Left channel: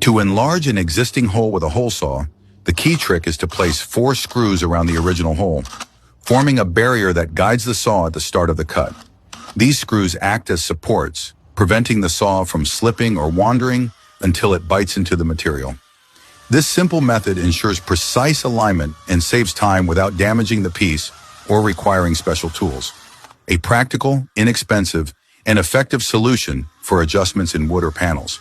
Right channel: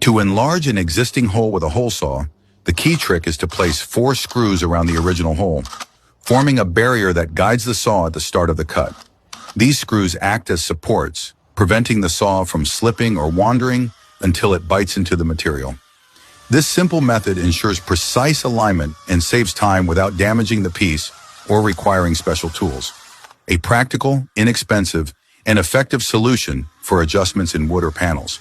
To enlarge an existing hole with a hole saw, the key trick is to place 4 screws around the original hole, forming a barrier that guides the saw at the start of the cut. These screws act as supports, preventing the saw from slipping or wandering until it bites into the material. This simple method ensures precise alignment and saves time without damaging the piece or requiring special tools. A practical, inexpensive, and effective solution for adjustments in wood or panels.